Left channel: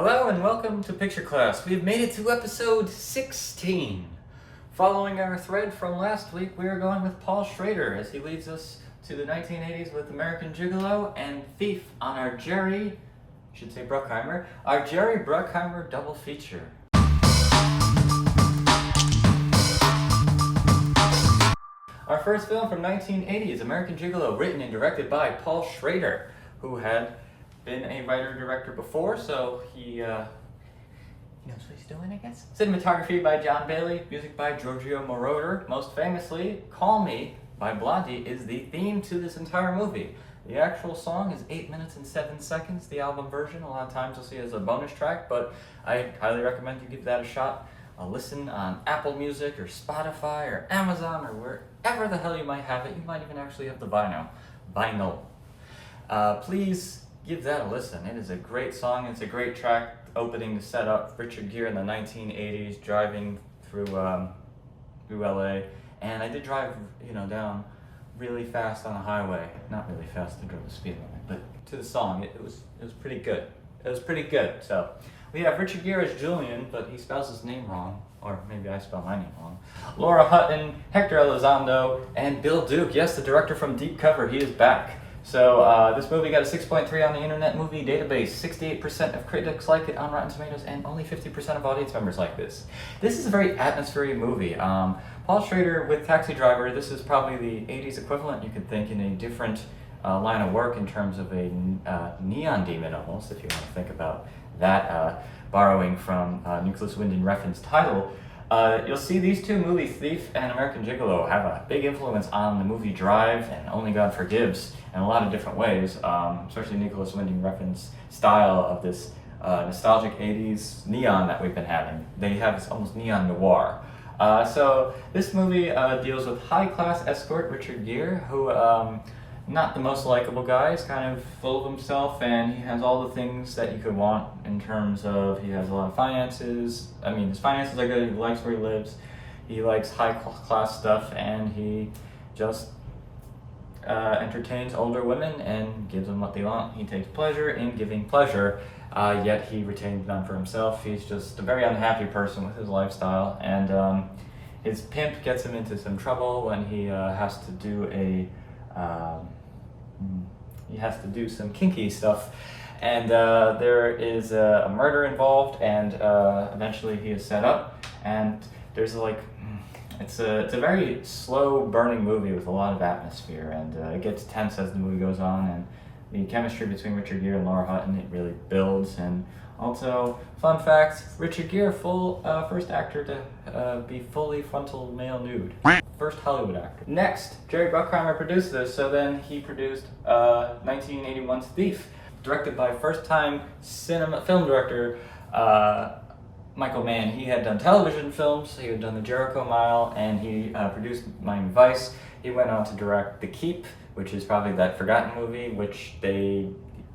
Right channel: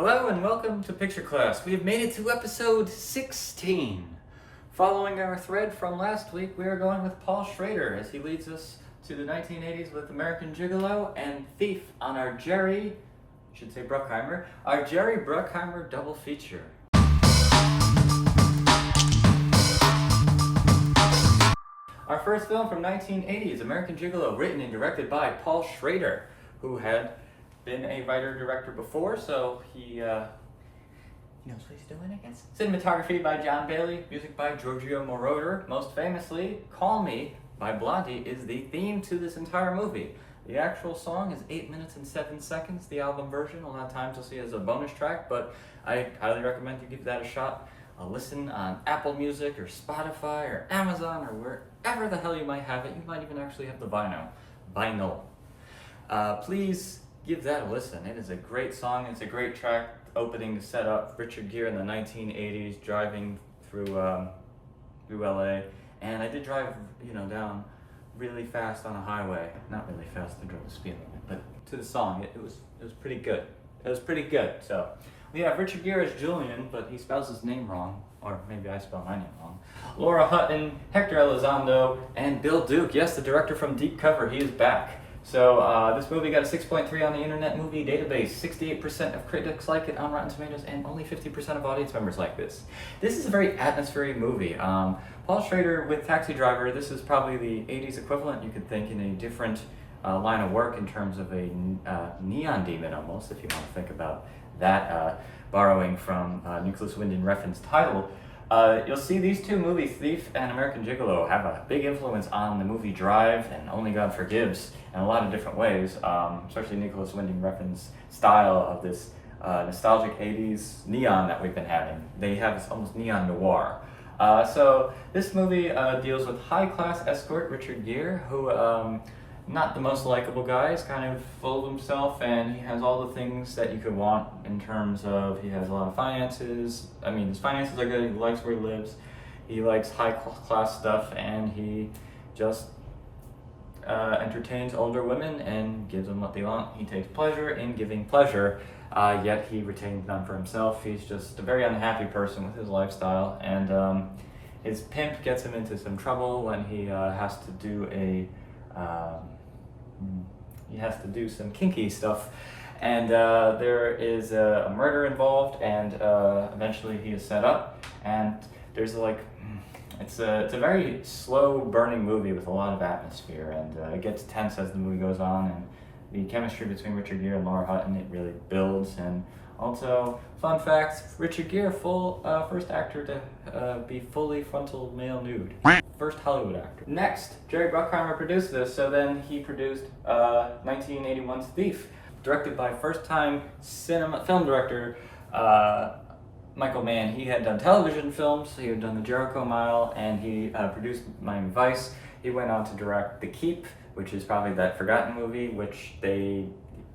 Hello and welcome to Picture Class. We have made it to episode 16. Following our thread from last week, we are going with Paul Schrader as he leads us to the 1980s with American Gigolo and Thief on our Jerry Bruckheimer Double Feature. Our first film from 1980 is American Gigolo, written and directed by Paul Schrader, who had been a writer-director before, so he knows what he's doing, I guess. Cinematography by John Bailey, music by Giorgio Moroder. Most famously, Call Me by Blondie is the theme to this entire movie. The actual song is 8 minutes and 7 seconds. The album version, a lot of times you'll see it as a bonus track, but I highly recommend you give that a shot. Listen on Apple Music or Spotify or Amazon or wherever the hell you might have it. You might even actually have the vinyl. Please give that a listen. It is a great song. It's a great track opening to set up Richard Gere in the 1980s driving through LA. And I did drive, down really fast on a highway. Not really fast, I drove the speed limit, but to the song, it was pretty good. It was pretty good. So we have Richard Gere as Julian, but he spells his name wrong, or maybe I spell my name wrong. Laura Hutton, Hector Elizondo, and Bill Duke. Yes, the director from Deep Cover, he is back. So this movie got a 6.3 on the Internet Movie Database. 68% of critics like it on Rotten Tomatoes, and only 50% of audience members like this. This is a very atmospheric movie. Paul Schrader with Taxi Driver, this is probably the 80s equivalent, you could think, in a different line of work in terms of a neon demon almost, if you want to think about that, borrowing from Nicholas Winding Refn's title. You'll see these two movies, Thief and American Gigolo, have a big influence on the movie Drive and Only God Forgives in a lot of different ways, especially Nicholas Winding Refn's style of this nostalgic 80s neon that we've been having. They have this almost Neon-Noir. So this movie deals with high-class escort Richard Gere, who not the most likable guy. He's kind of full of himself, and he has all the things that you could want in terms of, he has a lot of finances. I mean, his finances are good, he likes where he lives, he likes high-class stuff, and he just entertains older women and gives them what they want. He takes pleasure in giving pleasure, yet he retains none for himself. He's just a very unhappy person with his lifestyle, and his pimp gets him into some trouble when he has to do some kinky stuff, and there is a murder involved, and eventually he is set up, and there's it's a very slow burning movie with a lot of atmosphere, and it gets tense as the movie goes on, and the chemistry between Richard Gere and Laura Hutton, it really builds. And also, fun fact, Richard Gere, first actor to be fully frontal male nude. First Hollywood actor. Next, Jerry Bruckheimer produced this, so then he produced 1981's Thief, directed by first-time film director Michael Mann. He had done television films, he had done The Jericho Mile, and he produced Miami Vice. He went on to direct The Keep, which is probably that forgotten movie, which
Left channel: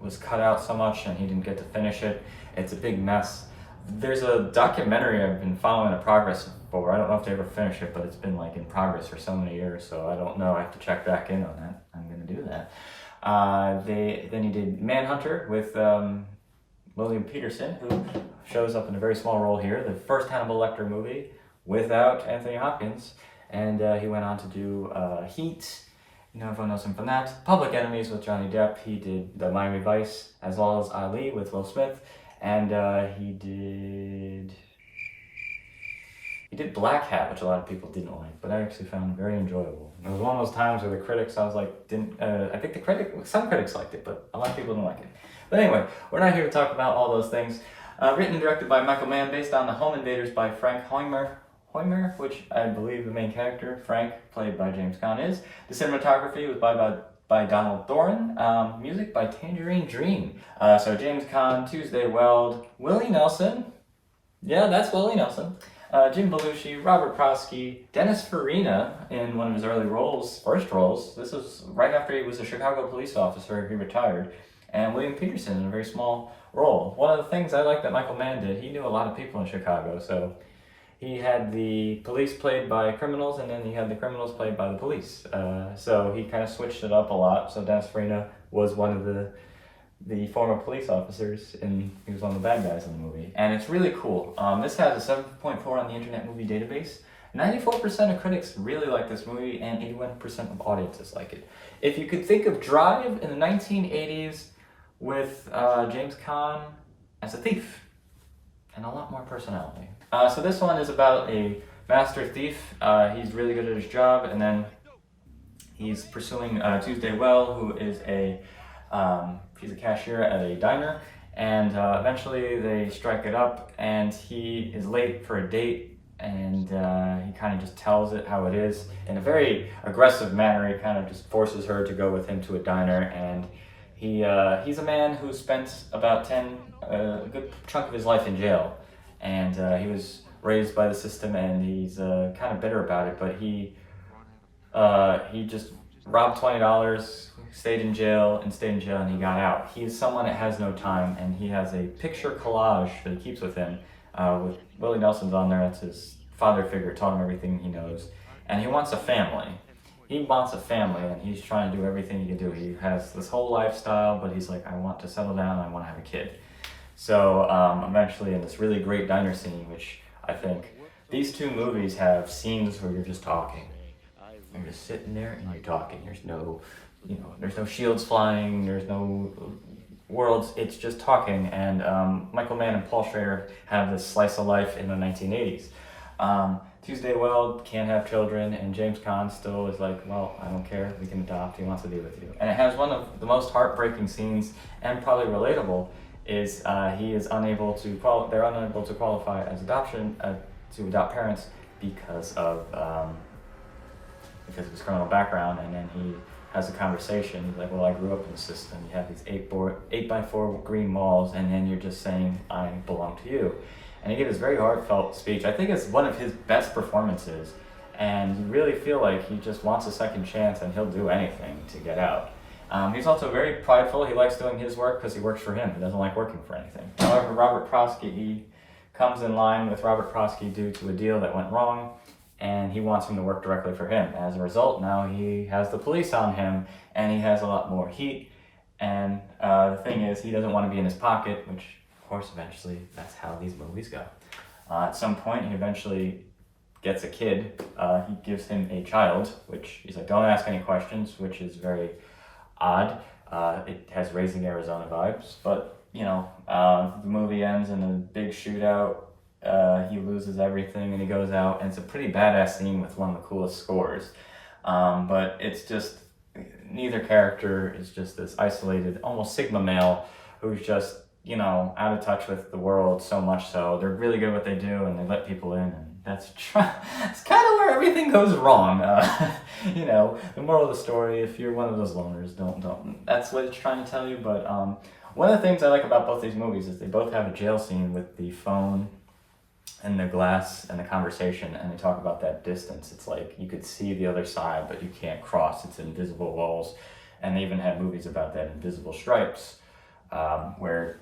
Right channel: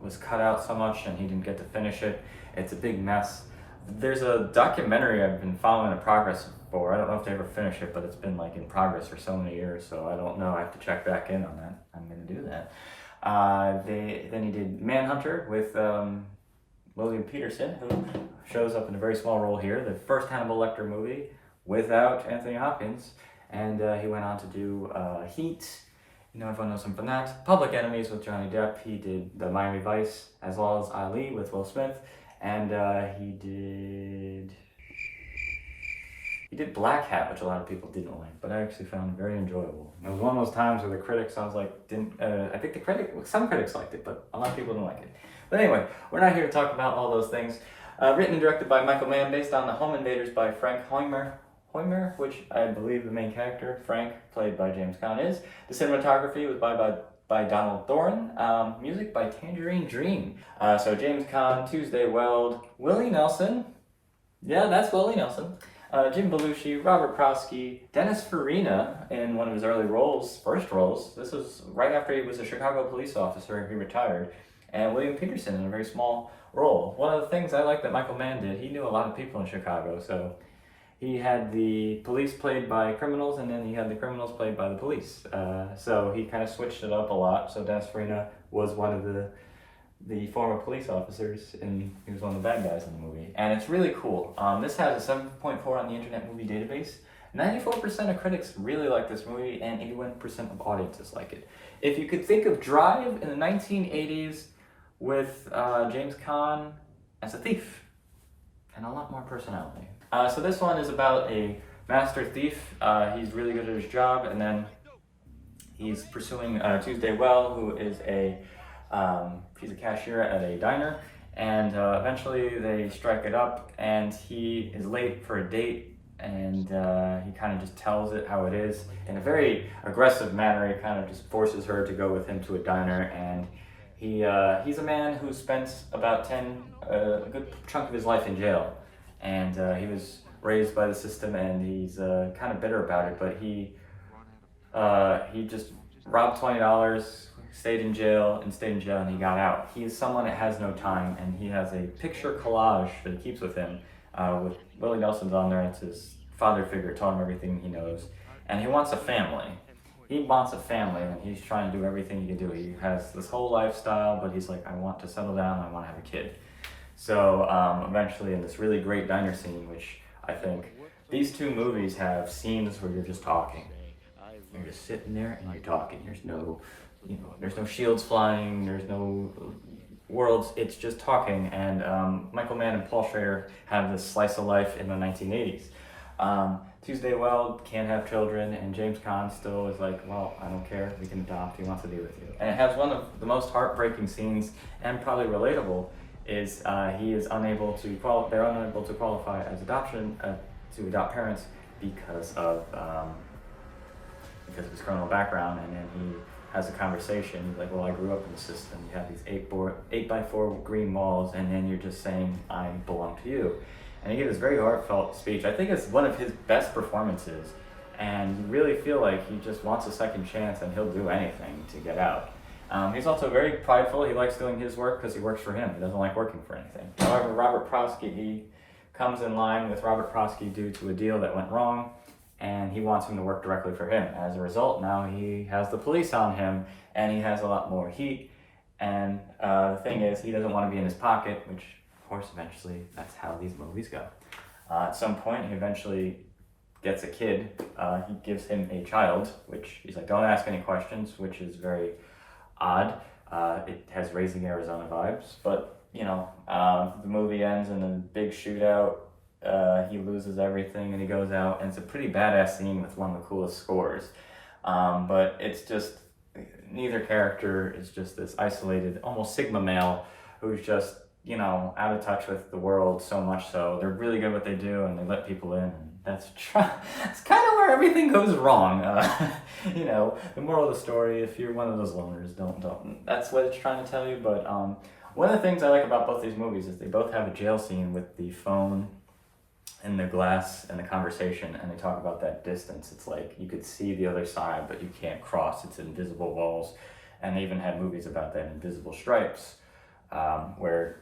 was cut out so much and he didn't get to finish it. It's a big mess. There's a documentary I've been following the progress for. I don't know if they ever finish it, but it's been in progress for so many years, so I don't know. I have to check back in on that. I'm gonna do that. Then he did Manhunter with William Peterson, who shows up in a very small role here. The first Hannibal Lecter movie without Anthony Hopkins. And he went on to do Heat. Everyone knows him from that. Public Enemies with Johnny Depp. He did the Miami Vice, as well as Ali with Will Smith. And he did Black Hat, which a lot of people didn't like, but I actually found very enjoyable. It was one of those times where the critics, I think some critics liked it, but a lot of people didn't like it. But anyway, we're not here to talk about all those things. Written and directed by Michael Mann, based on The Home Invaders by Frank Hoymer, which I believe the main character, Frank, played by James Caan, is. The cinematography was by Donald Thorne. Music by Tangerine Dream. So James Caan, Tuesday Weld, Willie Nelson. Yeah, that's Willie Nelson. Jim Belushi, Robert Prosky, Dennis Farina in one of his early first roles. This was right after he was a Chicago police officer. He retired. And William Peterson in a very small role. One of the things I like that Michael Mann did, he knew a lot of people in Chicago, so he had the police played by criminals, and then he had the criminals played by the police. So he kind of switched it up a lot. So Dennis Farina was one of the the former police officers, and he was one of the bad guys in the movie. And it's really cool. This has a 7.4 on the Internet Movie Database. 94% of critics really like this movie, and 81% of audiences like it. If you could think of Drive in the 1980s with James Caan as a thief, and a lot more personality. So this one is about a master thief. He's really good at his job, and then he's pursuing Tuesday Well, who is he's a cashier at a diner, and eventually they strike it up, and he is late for a date, and he kind of just tells it how it is in a very aggressive manner. He kind of just forces her to go with him to a diner, and he's a man who spent about a good chunk of his life in jail, and he was raised by the system, and he's kind of bitter about it, but he just robbed $20, stayed in jail, and he got out. He's someone that has no time, and he has a picture collage that he keeps with him, with Willie Nelson's on there. It's his father figure, taught him everything he knows, and he wants a family. He wants a family, and he's trying to do everything he can do. He has this whole lifestyle, but he's like, I want to settle down, I want to have a kid. So eventually in this really great diner scene, which I think these two movies have scenes where you're just talking. You're just sitting there and you're talking. There's no shields flying, there's no worlds, it's just talking. And Michael Mann and Paul Schrader have this slice of life in the 1980s. Tuesday Well can't have children, and James Caan still is like, well, I don't care, we can adopt, he wants to be with you. And it has one of the most heartbreaking scenes, and probably relatable, is they're unable to qualify as to adopt parents because of his criminal background. And then he has a conversation. He's like, well, I grew up in the system. You have these 8x4 green walls, and then you're just saying, I belong to you. And he gave this very heartfelt speech. I think it's one of his best performances, and you really feel like he just wants a second chance, and he'll do anything to get out. He's also very prideful. He likes doing his work because he works for him. He doesn't like working for anything. However, he comes in line with Robert Prosky due to a deal that went wrong, and he wants him to work directly for him. As a result, now he has the police on him, and he has a lot more heat. And the thing is, he doesn't want to be in his pocket, which, of course, eventually, that's how these movies go. At some point, he eventually gets a kid. He gives him a child, which he's like, don't ask any questions, which is very odd. It has Raising Arizona vibes, but the movie ends in a big shootout. He loses everything and he goes out, and it's a pretty badass scene with one of the coolest scores. But it's just, neither character is just this isolated, almost Sigma male who's just, out of touch with the world, so much so. They're really good at what they do, and they let people in, and that's kind of where everything goes wrong. The moral of the story, if you're one of those loners, don't. That's what it's trying to tell you. But one of the things I like about both these movies is they both have a jail scene with the phone and the glass and the conversation, and they talk about that distance. It's like you could see the other side, but you can't cross. It's invisible walls. And they even have movies about that, Invisible Stripes, where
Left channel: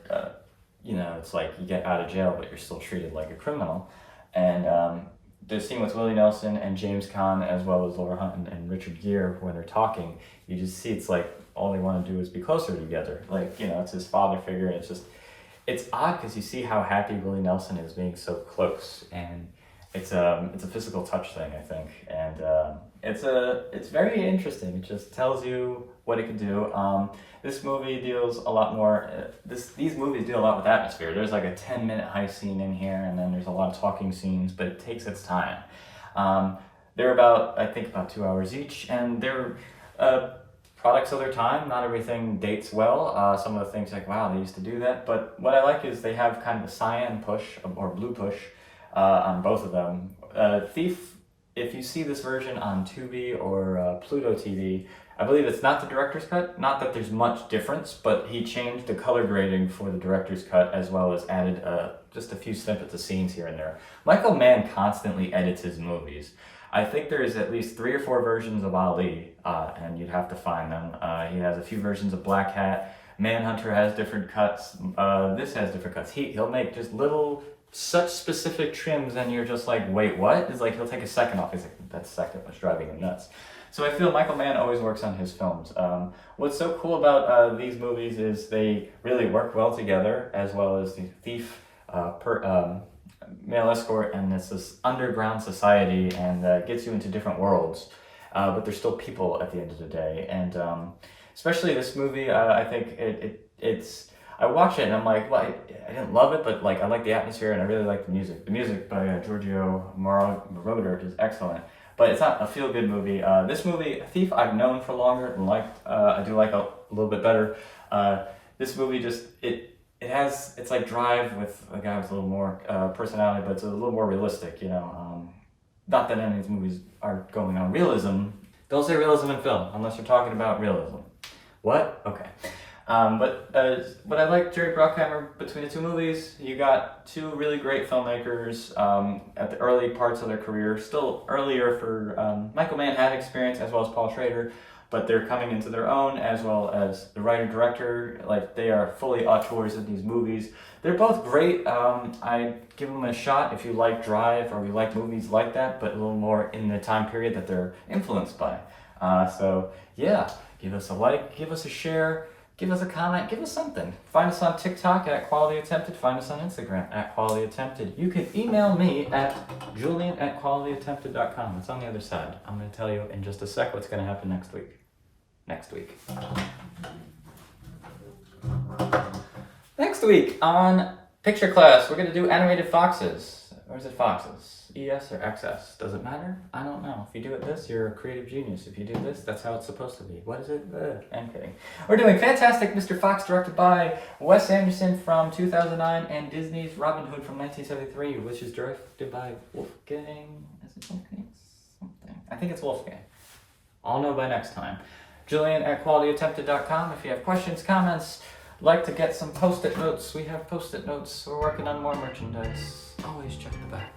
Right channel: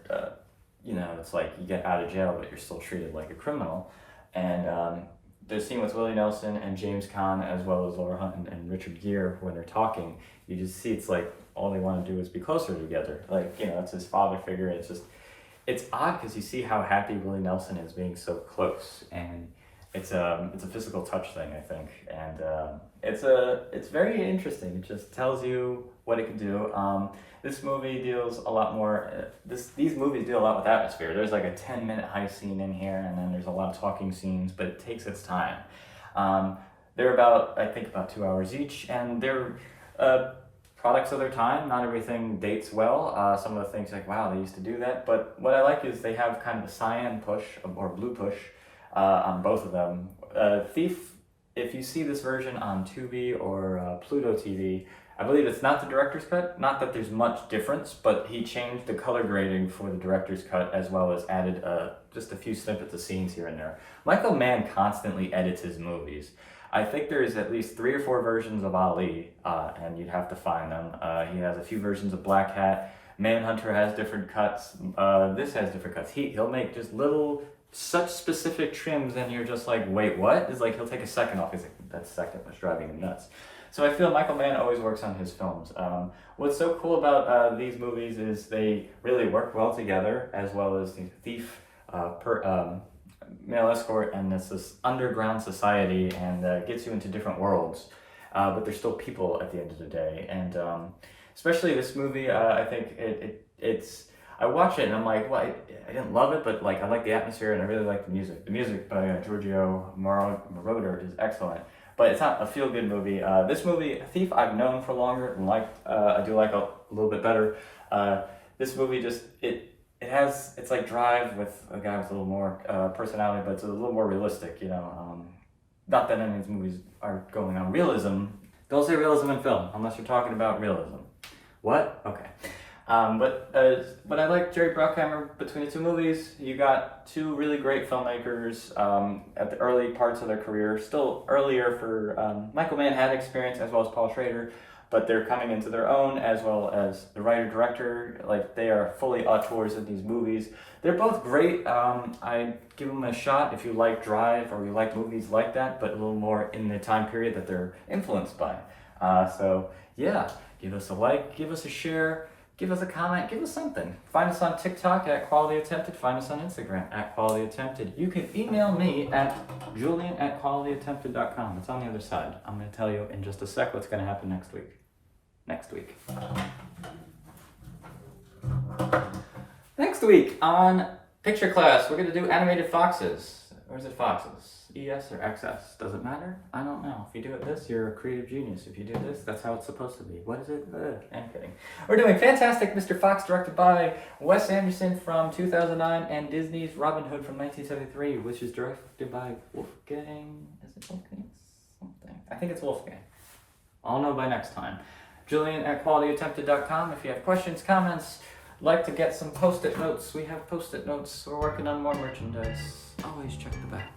it's like you get out of jail, but you're still treated like a criminal. And the scene with Willie Nelson and James Caan, as well as Laura Hunt and Richard Gere, when they're talking, you just see it's like all they want to do is be closer together. Like, it's his father figure, and it's odd because you see how happy Willie Nelson is being so close, and it's a physical touch thing, I think, and it's very interesting. It just tells you what it can do. This movie deals a lot more. These movies deal a lot with atmosphere. There's like a 10-minute heist scene in here, and then there's a lot of talking scenes, but it takes its time. They're about 2 hours each, and they're products of their time. Not everything dates well. Some of the things like, wow, they used to do that. But what I like is they have kind of a cyan push or blue push on both of them. Thief, if you see this version on Tubi or Pluto TV, I believe it's not the director's cut. Not that there's much difference, but he changed the color grading for the director's cut, as well as added just a few snippets of scenes here and there. Michael Mann constantly edits his movies. I think there's at least 3 or 4 versions of Ali, and you'd have to find them. He has a few versions of Black Hat. Manhunter has different cuts. This has different cuts. He'll make just such specific trims, and you're just like, wait, what? It's like he'll take a second off. He's like, that second was driving him nuts. So I feel Michael Mann always works on his films. What's so cool about these movies is they really work well together, as well as the thief, male escort, and it's this underground society, and gets you into different worlds. But they're still people at the end of the day, and especially this movie, I think it's. I watch it and I'm like, well, I didn't love it, but like I like the atmosphere and I really like the music. The music by Giorgio Moroder is excellent, but it's not a feel-good movie. This movie, Thief, I've known for longer and I do like a little bit better. This movie just it's like Drive with a guy with a little more personality, but it's a little more realistic. Not that any of these movies are going on realism. Don't say realism in film unless you're talking about realism. What? Okay. But I like Jerry Bruckheimer. Between the two movies, you got two really great filmmakers at the early parts of their career. Still earlier for Michael Mann had experience, as well as Paul Schrader, but they're coming into their own, as well as the writer-director. Like, they are fully auteurs of these movies. They're both great. I give them a shot if you like Drive or you like movies like that, but a little more in the time period that they're influenced by. So yeah, give us a like, give us a share. Give us a comment, give us something. Find us on TikTok at Quality Attempted. Find us on Instagram at Quality Attempted. You can email me at julian@qualityattempted.com. It's on the other side. I'm going to tell you in just a sec what's going to happen next week. Next week on Picture Class, we're going to do animated foxes. Or is it foxes? ES or XS? Does it matter? I don't know. If you do it this, you're a creative genius. If you do this, that's how it's supposed to be. What is it? I'm kidding. We're doing Fantastic Mr. Fox, directed by Wes Anderson from 2009, and Disney's Robin Hood from 1973, which is directed by Wolfgang. Is it Wolfgang? Something. I think it's Wolfgang. I'll know by next time. Julian@qualityattempted.com. If you have questions, comments, like to get some post-it notes, we have post-it notes. We're working on more merchandise. Always check the back.